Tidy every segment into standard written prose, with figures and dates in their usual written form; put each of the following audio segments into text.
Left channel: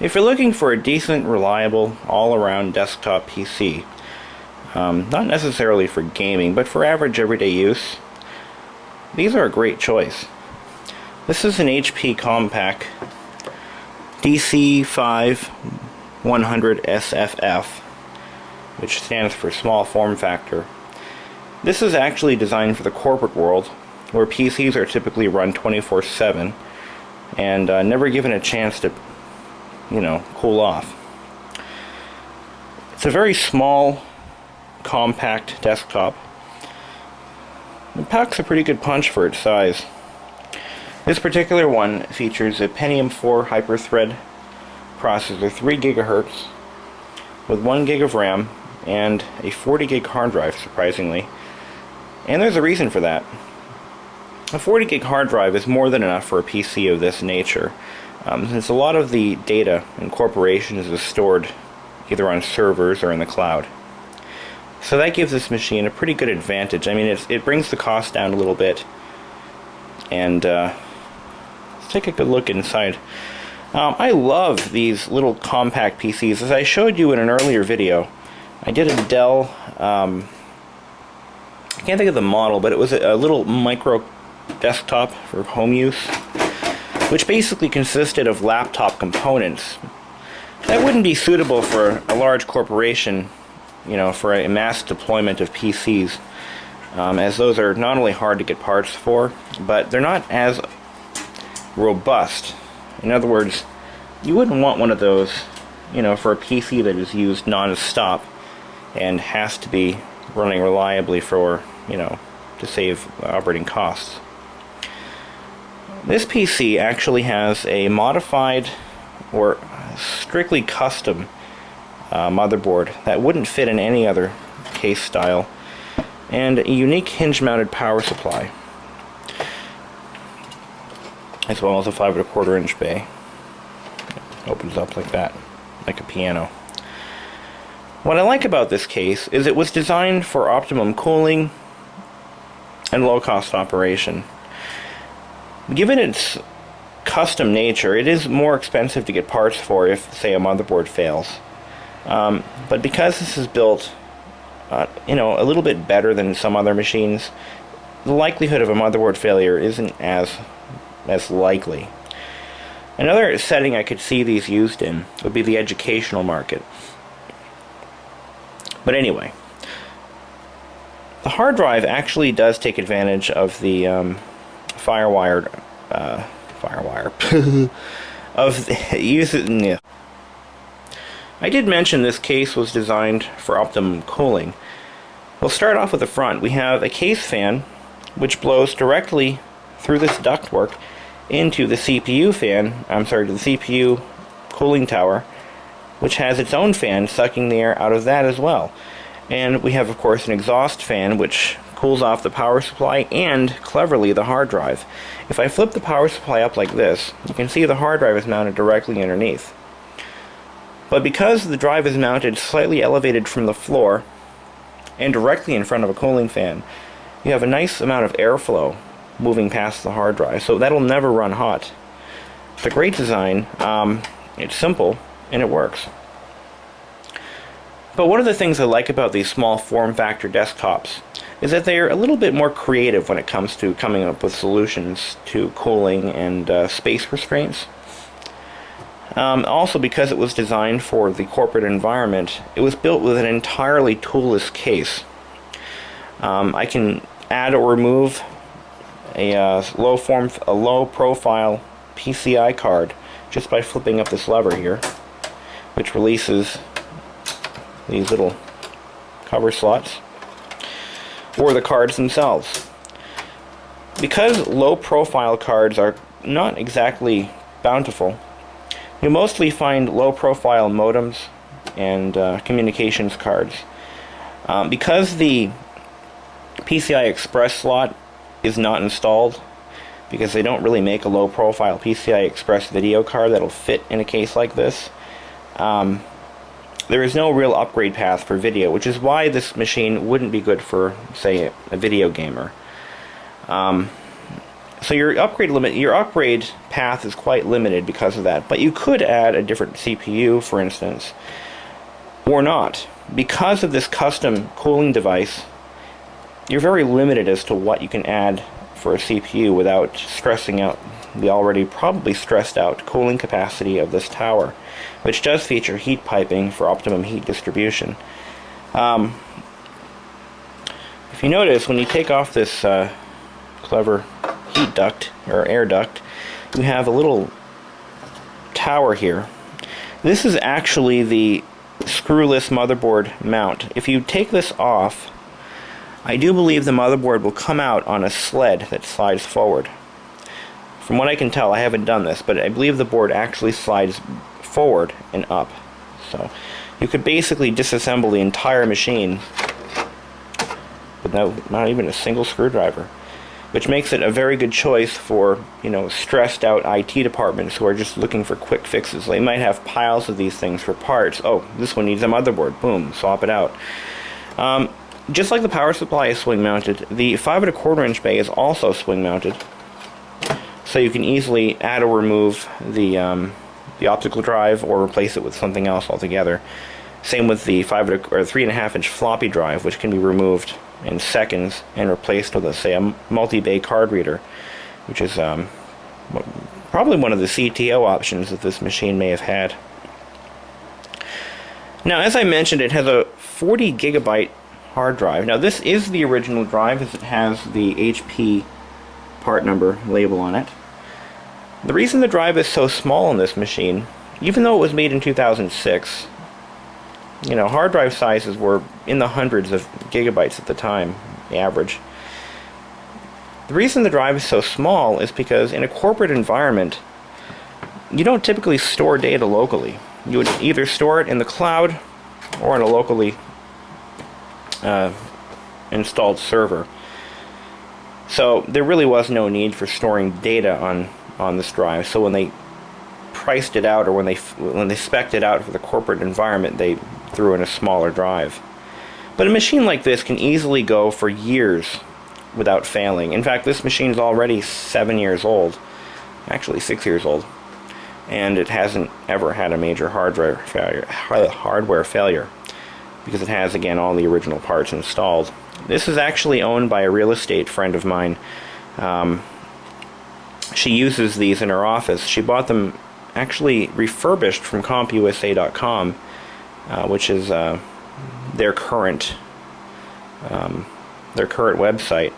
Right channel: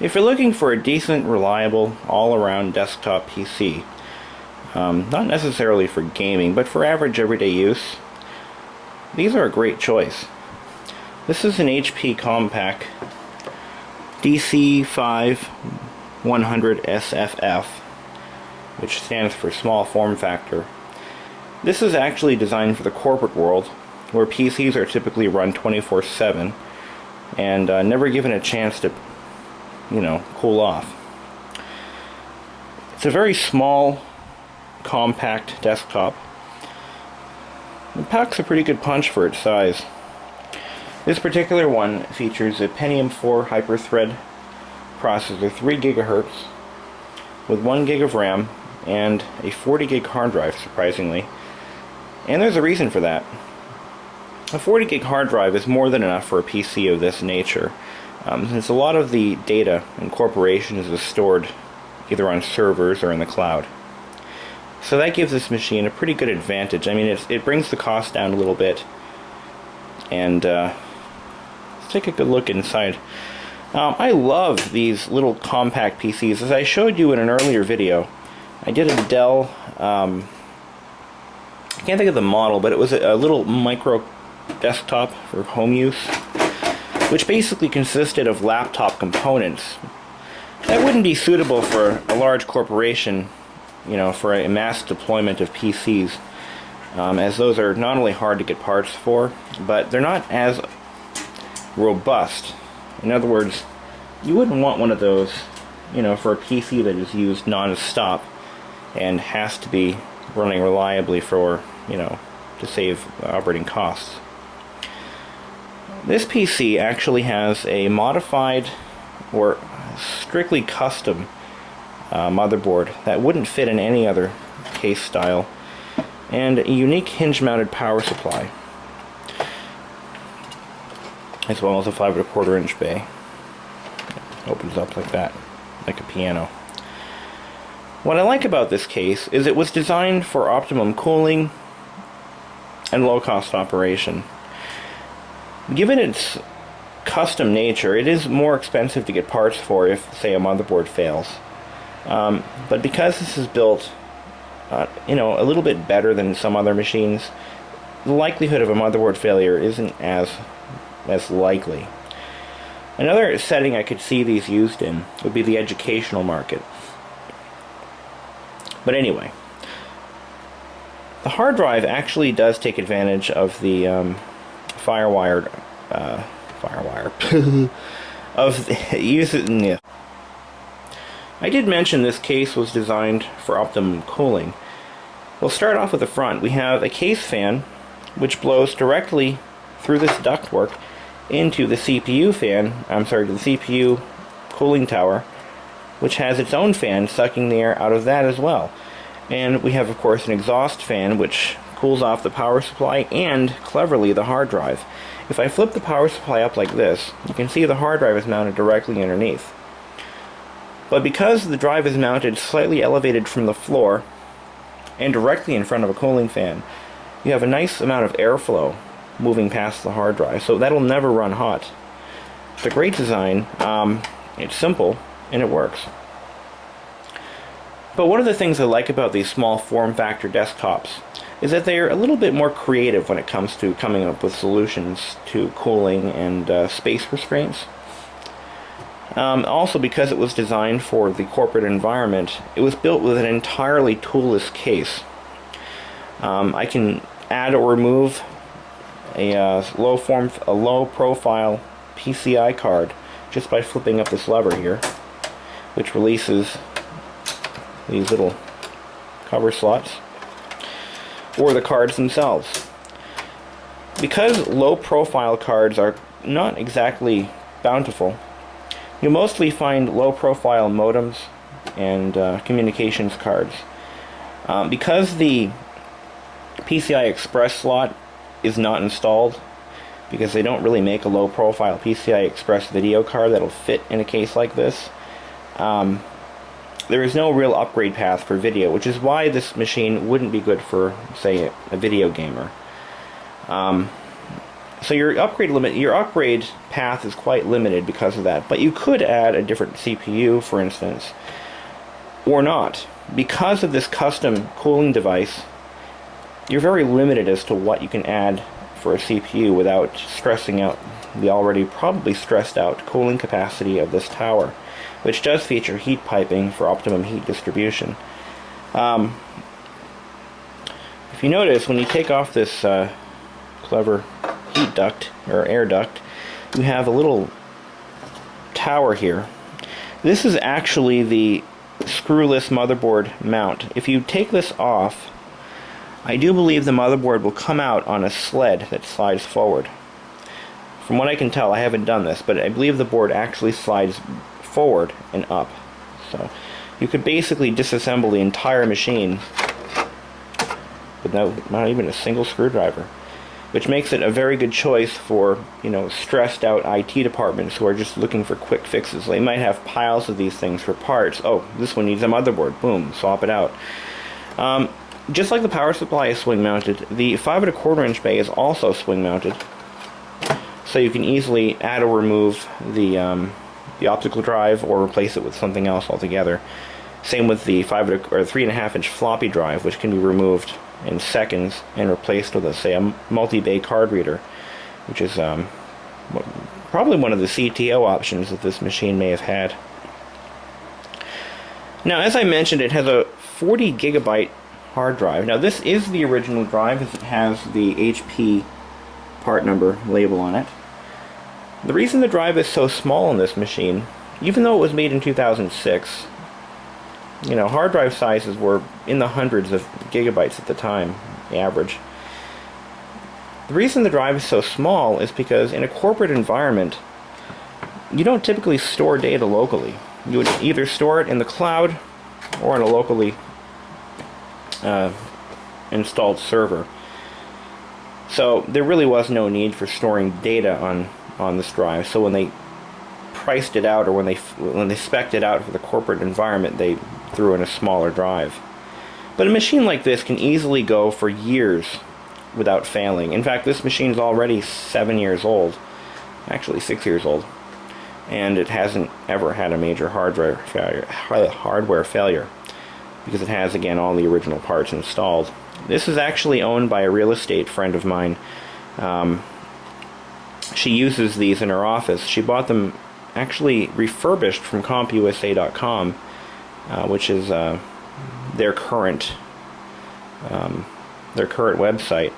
If you're looking for a decent, reliable, all-around desktop PC, not necessarily for gaming, but for average everyday use, these are a great choice. This is an HP Compaq DC5100 SFF, which stands for small form factor. This is actually designed for the corporate world, where PCs are typically run 24/7 and never given a chance to, cool off. It's a very small, compact desktop. It packs a pretty good punch for its size. This particular one features a Pentium 4 hyper-thread processor, 3 GHz, with 1 gig of RAM and a 40 gig hard drive, surprisingly. And there's a reason for that. A 40 gig hard drive is more than enough for a PC of this nature, since a lot of the data in corporations is stored either on servers or in the cloud. So that gives this machine a pretty good advantage. I mean, it brings the cost down a little bit. And let's take a good look inside. I love these little compact PCs. As I showed you in an earlier video, I did a Dell, I can't think of the model, but it was a little micro desktop for home use, which basically consisted of laptop components that wouldn't be suitable for a large corporation, for a mass deployment of PCs, as those are not only hard to get parts for, but they're not as robust. In other words, you wouldn't want one of those, for a PC that is used non-stop and has to be running reliably for, to save operating costs. This PC actually has a modified or strictly custom motherboard that wouldn't fit in any other case style, and a unique hinge-mounted power supply, as well as a 5 1/4 inch bay. It opens up like that, like a piano. What I like about this case is it was designed for optimum cooling and low-cost operation. Given its custom nature, it is more expensive to get parts for if, say, a motherboard fails. But because this is built, a little bit better than some other machines, the likelihood of a motherboard failure isn't as likely. Another setting I could see these used in would be the educational market. But anyway, the hard drive actually does take advantage of the firewire of the I did mention this case was designed for optimum cooling. We'll start off with the front. We have a case fan which blows directly through this ductwork into the CPU to the CPU cooling tower, which has its own fan sucking the air out of that as well. And we have, of course, an exhaust fan which cools off the power supply and, cleverly, the hard drive. If I flip the power supply up like this, you can see the hard drive is mounted directly underneath. But because the drive is mounted slightly elevated from the floor and directly in front of a cooling fan, you have a nice amount of airflow moving past the hard drive, so that'll never run hot. It's a great design, it's simple, and it works. But one of the things I like about these small form factor desktops is that they're a little bit more creative when it comes to coming up with solutions to cooling and space restraints. Also, because it was designed for the corporate environment, it was built with an entirely toolless case. I can add or remove a low profile PCI card just by flipping up this lever here, which releases these little cover slots, or the cards themselves. Because low profile cards are not exactly bountiful, you'll mostly find low profile modems and communications cards. Because the PCI Express slot is not installed, because they don't really make a low profile PCI Express video card that'll fit in a case like this, there is no real upgrade path for video, which is why this machine wouldn't be good for, say, a video gamer. So your upgrade path is quite limited because of that. But you could add a different CPU, for instance, or not. Because of this custom cooling device, you're very limited as to what you can add for a CPU without stressing out the already probably stressed out cooling capacity of this tower, which does feature heat piping for optimum heat distribution. If you notice, when you take off this clever heat duct or air duct, you have a little tower here. This is actually the screwless motherboard mount. If you take this off, I do believe the motherboard will come out on a sled that slides forward. From what I can tell, I haven't done this, but I believe the board actually slides forward and up. So you could basically disassemble the entire machine with not even a single screwdriver, which makes it a very good choice for, stressed out IT departments who are just looking for quick fixes. They might have piles of these things for parts. Oh, this one needs a motherboard. Boom, swap it out. Just like the power supply is swing mounted, the 5 1/4 inch bay is also swing mounted. So you can easily add or remove the optical drive or replace it with something else altogether. Same with the 3.5 inch floppy drive, which can be removed in seconds and replaced with, say, a multi-bay card reader, which is probably one of the CTO options that this machine may have had. Now, as I mentioned, it has a 40 gigabyte hard drive. Now, this is the original drive, as it has the HP part number label on it. The reason the drive is so small on this machine, even though it was made in 2006, hard drive sizes were in the hundreds of gigabytes at the time, the average. The reason the drive is so small is because in a corporate environment, you don't typically store data locally. You would either store it in the cloud or in a locally installed server. So there really was no need for storing data on this drive. So when they priced it out, or when they spec'd it out for the corporate environment, they threw in a smaller drive. But a machine like this can easily go for years without failing. In fact, this machine is already 7 years old, actually 6 years old, and it hasn't ever had a major hardware failure because it has, again, all the original parts installed. This is actually owned by a real estate friend of mine. She uses these in her office. She bought them actually refurbished from CompUSA.com, which is their current website.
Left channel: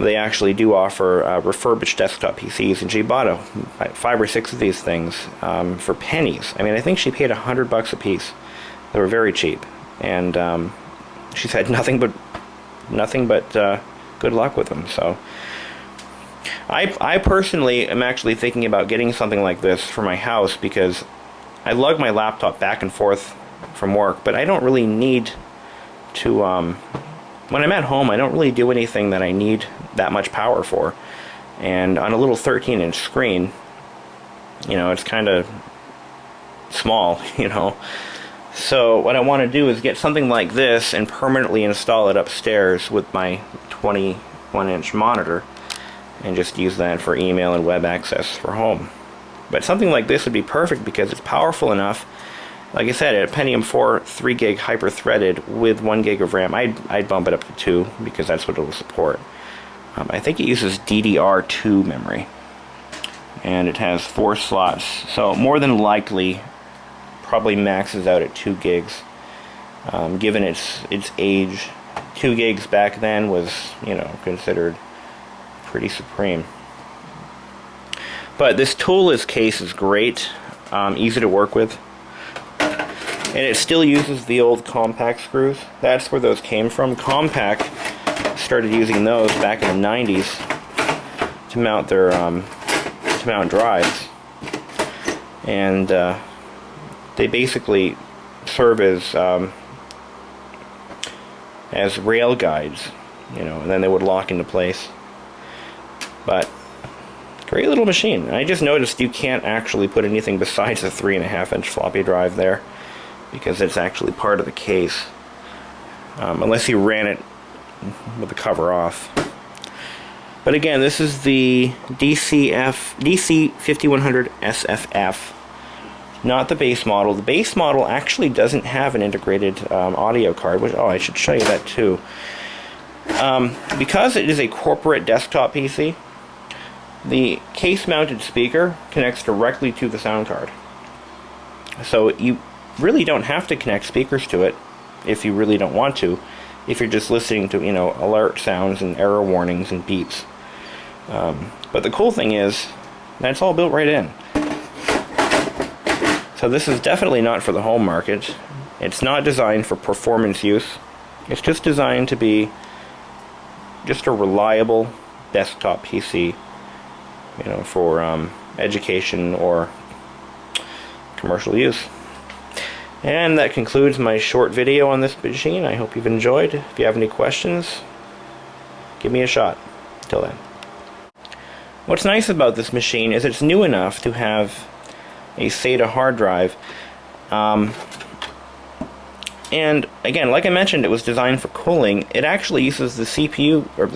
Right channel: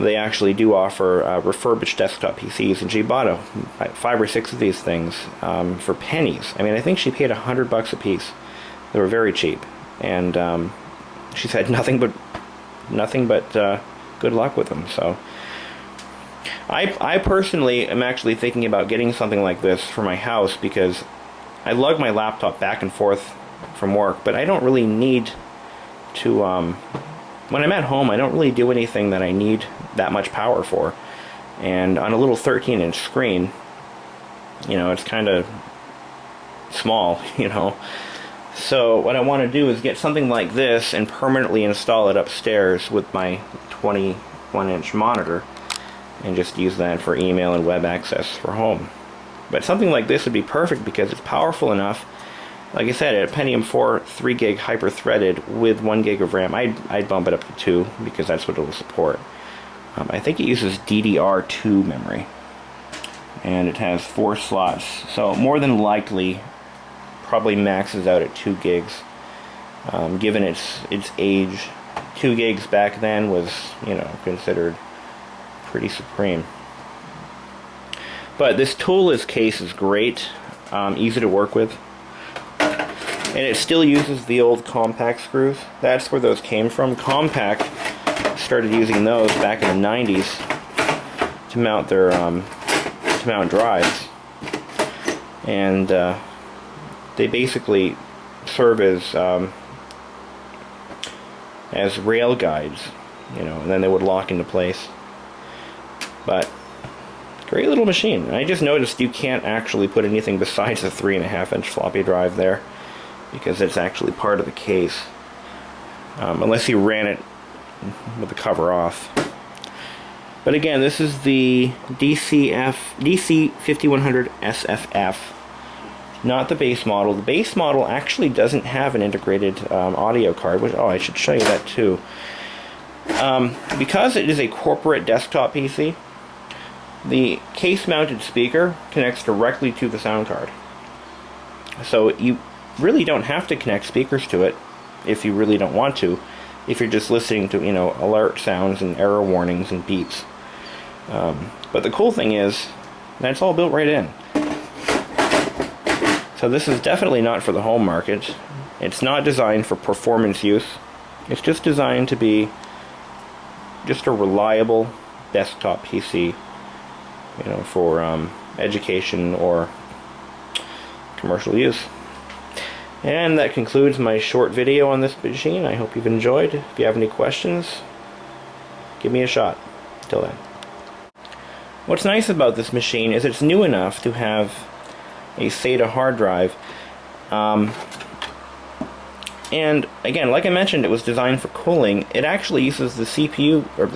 They actually do offer refurbished desktop PCs, and she bought 5 or 6 of these things for pennies. I mean, I think she paid $100 a piece. They were very cheap, and she's had nothing but good luck with them. So I personally am actually thinking about getting something like this for my house, because I lug my laptop back and forth from work, but I don't really need to, when I'm at home, I don't really do anything that I need that much power for. And on a little 13-inch screen, it's kind of small, So what I want to do is get something like this and permanently install it upstairs with my 21-inch monitor, and just use that for email and web access for home. But something like this would be perfect because it's powerful enough. Like I said, a Pentium 4 3 gig hyper-threaded with 1 gig of RAM. I'd bump it up to 2 because that's what it will support. I think it uses DDR2 memory, and it has 4 slots, so more than likely probably maxes out at 2 gigs. Given its age, 2 gigs back then was, considered pretty supreme. But this toolless case is great, easy to work with, and it still uses the old compact screws. That's where those came from. Compact started using those back in the 90s to mount their drives, and they basically serve as rail guides, and then they would lock into place. But great little machine. I just noticed you can't actually put anything besides a 3.5-inch floppy drive there, because it's actually part of the case, unless you ran it with the cover off. But again, this is the DC5100 SFF, not the base model. The base model actually doesn't have an integrated audio card, which, oh, I should show you that too. Because it is a corporate desktop PC, the case-mounted speaker connects directly to the sound card. So you really don't have to connect speakers to it if you really don't want to, if you're just listening to, you know, alert sounds and error warnings and beeps. But the cool thing is, that's all built right in. So this is definitely not for the home market. It's not designed for performance use. It's just designed to be just a reliable desktop PC, you know, for education or commercial use. And that concludes my short video on this machine. I hope you've enjoyed. If you have any questions, give me a shot. Till then. What's nice about this machine is it's new enough to have a SATA hard drive. And again, like I mentioned, it was designed for cooling. It actually uses the CPU, or